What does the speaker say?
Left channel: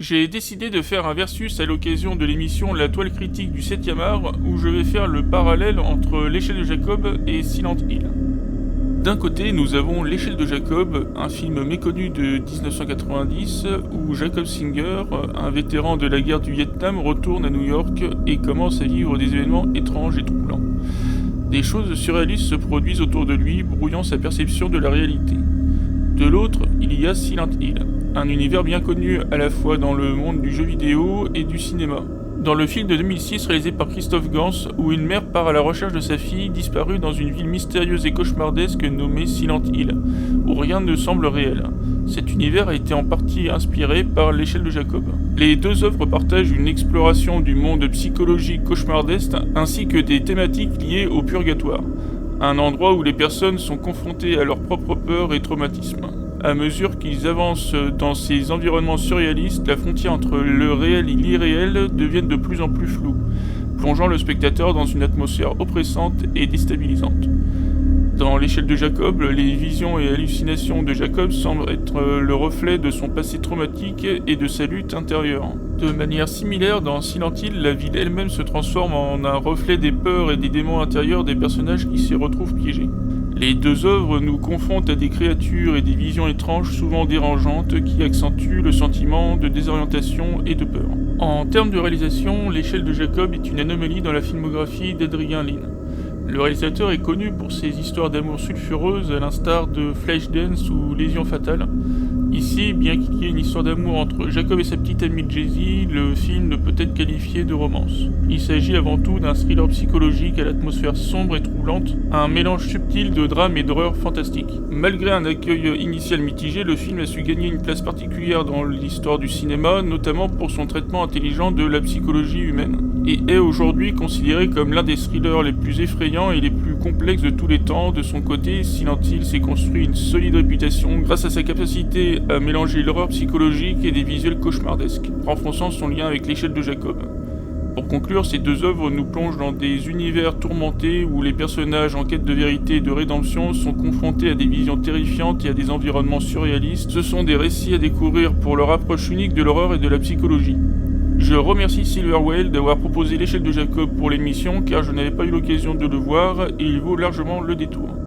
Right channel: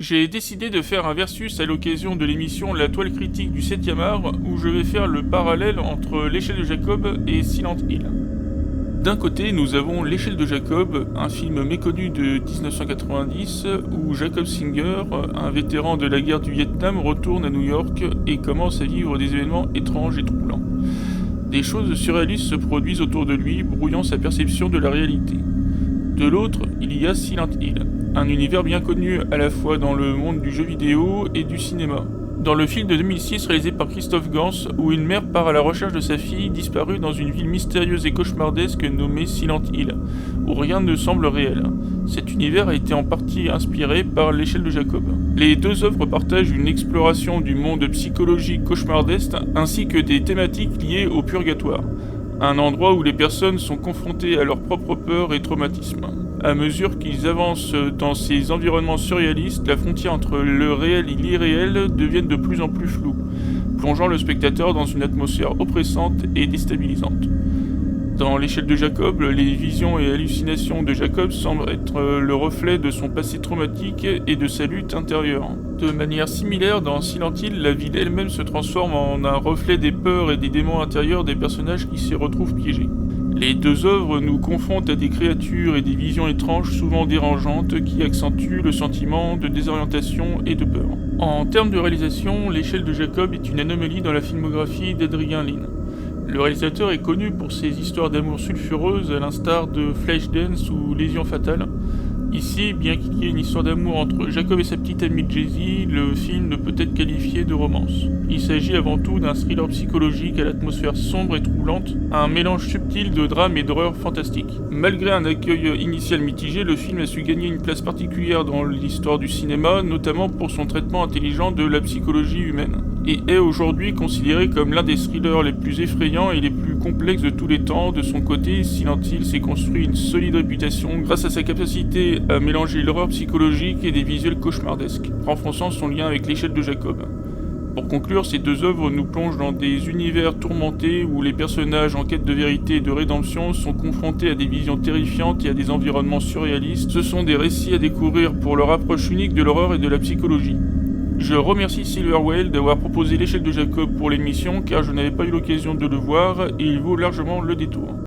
J'ai décidé de faire un versus à l'occasion de l'émission La Toile Critique du 7e art, où je vais faire le parallèle entre l'échelle de Jacob et Silent Hill. D'un côté, nous avons L'échelle de Jacob, un film méconnu de 1990, où Jacob Singer, un vétéran de la guerre du Vietnam, retourne à New York et commence à vivre des événements étranges et troublants. Des choses surréalistes se produisent autour de lui, brouillant sa perception de la réalité. De l'autre, il y a Silent Hill, un univers bien connu à la fois dans le monde du jeu vidéo et du cinéma. Dans le film de 2006 réalisé par Christophe Gans, où une mère part à la recherche de sa fille disparue dans une ville mystérieuse et cauchemardesque nommée Silent Hill, où rien ne semble réel. Cet univers a été en partie inspiré par l'échelle de Jacob. Les deux œuvres partagent une exploration du monde psychologique cauchemardesque ainsi que des thématiques liées au purgatoire, un endroit où les personnes sont confrontées à leurs propres peurs et traumatismes. À mesure qu'ils avancent dans ces environnements surréalistes, la frontière entre le réel et l'irréel devient de plus en plus floue, plongeant le spectateur dans une atmosphère oppressante et déstabilisante. Dans l'échelle de Jacob, les visions et hallucinations de Jacob semblent être le reflet de son passé traumatique et de sa lutte intérieure. De manière similaire, dans Silent Hill, la ville elle-même se transforme en un reflet des peurs et des démons intérieurs des personnages qui s'y retrouvent piégés. Les deux œuvres nous confrontent à des créatures et des visions étranges souvent dérangeantes qui accentuent le sentiment de désorientation et de peur. En termes de réalisation, l'échelle de Jacob est une anomalie dans la filmographie d'Adrian Lyne. Le réalisateur est connu pour ses histoires d'amour sulfureuses à l'instar de Flashdance ou Lésion fatale. Ici, bien qu'il y ait une histoire d'amour entre Jacob et sa petite amie Jessie, le film ne peut être qualifié de romance. Il s'agit avant tout d'un thriller psychologique à l'atmosphère sombre et troublante, un mélange subtil de drame et d'horreur fantastique. Malgré un accueil initial mitigé, le film a su gagner une place particulière dans l'histoire du cinéma, notamment pour son traitement intelligent de la psychologie humaine, et est aujourd'hui considéré comme l'un des thrillers les plus effrayants et les plus complexes de tous les temps. De son côté, Silent Hill s'est construit une solide réputation grâce à sa capacité à mélanger l'horreur psychologique et des visuels cauchemardesques, renforçant son lien avec l'échelle de Jacob. Pour conclure, ces deux œuvres nous plongent dans des univers tourmentés où les personnages en quête de vérité et de rédemption sont confrontés à des visions terrifiantes et à des environnements surréalistes. Ce sont des récits à découvrir pour leur approche unique de l'horreur et de la psychologie. Je remercie Silver Whale d'avoir proposé l'échelle de Jacob pour l'émission car je n'avais pas eu l'occasion de le voir et il vaut largement le détour.